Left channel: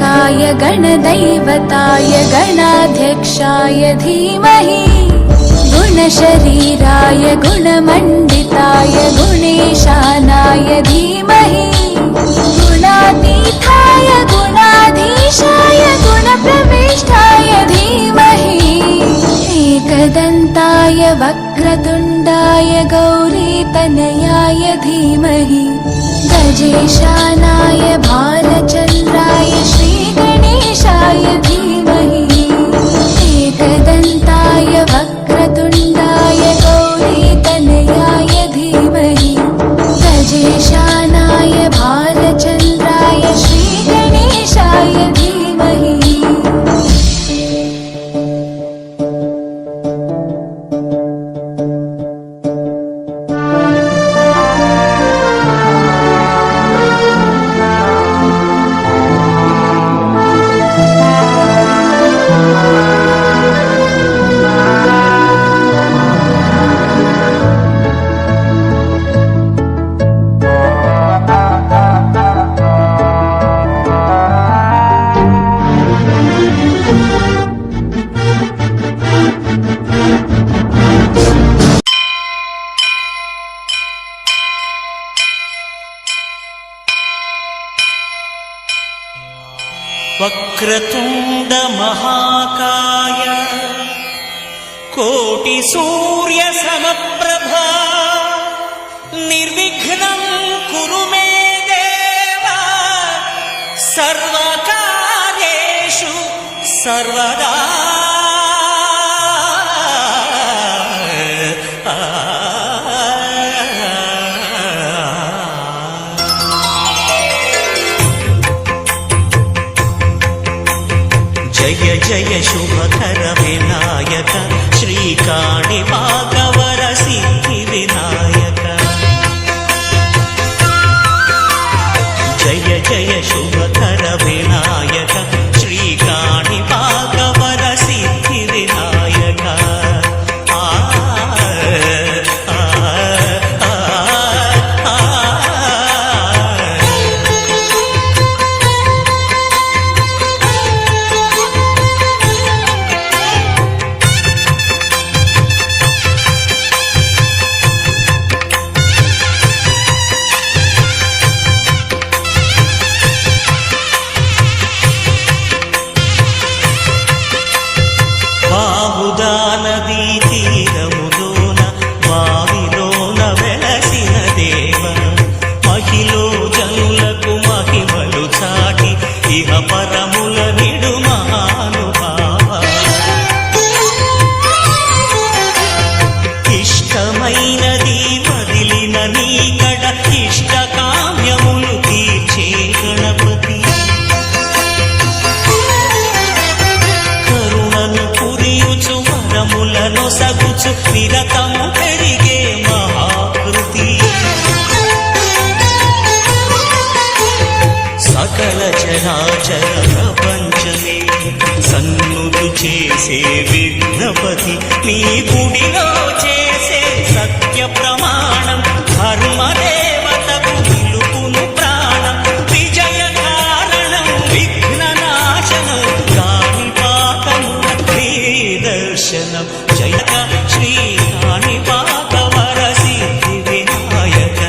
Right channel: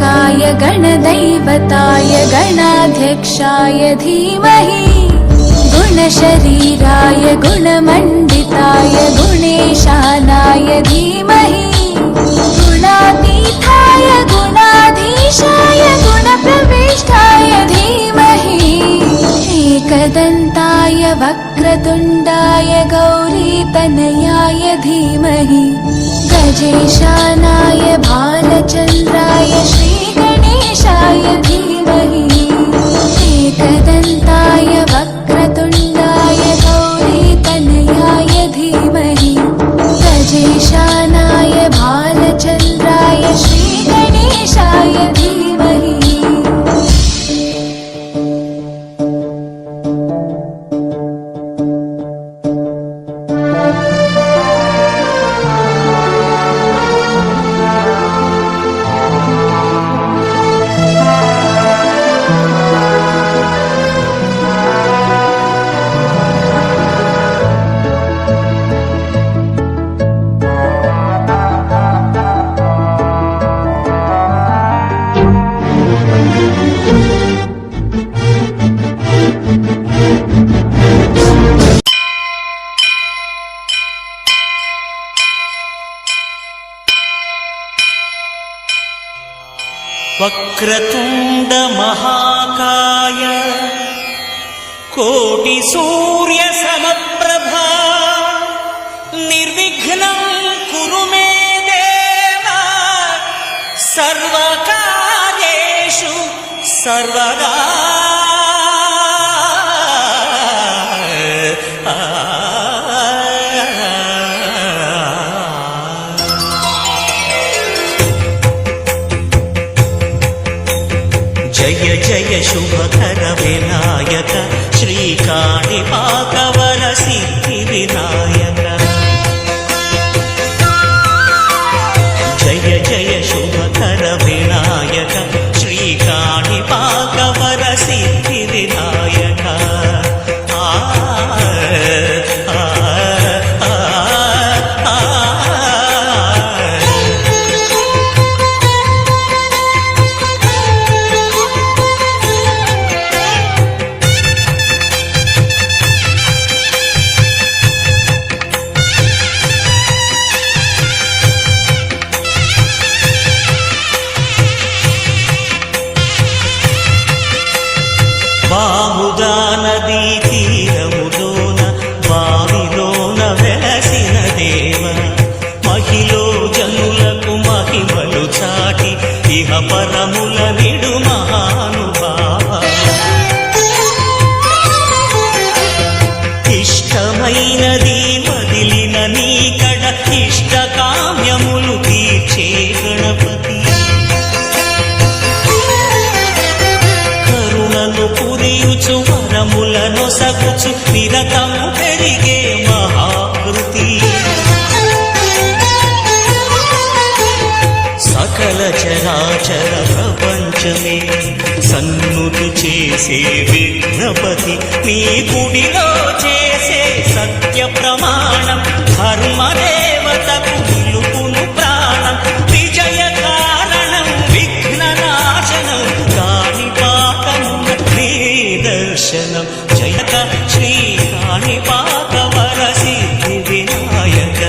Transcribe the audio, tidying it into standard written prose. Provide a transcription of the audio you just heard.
गणानायकाय गणदैवताय गणाध्यक्षाय धीमहि गुणशरीराय गुणमण्डिताय गुणेशानाय धीमहि गुणातीताय गुणाधीशाय गुणप्रविष्टाय धीमहि एकदन्ताय वक्रतुण्डाय गौरीतनयाय धीमहि गजेशानाय भालचन्द्राय श्रीगणेशाय धीमहि एकदन्ताय वक्रतुण्डाय गौरीतनयाय धीमहि गजेशानाय भालचन्द्राय श्रीगणेशाय धीमहि। वक्रतुण्ड महाकाय कोटि सूर्य समप्रभा निर्विघ्नं कुरु मे देव सर्वकार्येषु सर्वदा। जय जय शुभकर विनायक श्रीकाणिपाकवर सिद्धि विनायक जय जय शुभकर विनायक श्रीकाणिपाकवर सिद्धि विनायक బాహుదా నదీ తీరములోన బావిలోన వెలసిన దేవ మహిలో జనులకు మహిమలు చాటి ఇహ పరముల నిడు మహానుభావ ఇష్టమైనది వదిలిన నీకడ ఇష్ట కామ్యములు తీర్చే గణపతి కరుణను పురియుచు వరములను సగుచు నిరతము పెరిగే మహాకృతి సకల చరాచర ప్రపంచమే సన్నుతి చేసే విఘ్నపతి నీ గుడిలో చేసే సత్య ప్రమాణం ధర్మదేవతకు నిలుపును ప్రాణం విజయ కారణం విఘ్న నాశనం కాణిపాకమున నీ దర్శనం జయక శ్రీ కాణిపాకవర సిద్ధి వినాయక।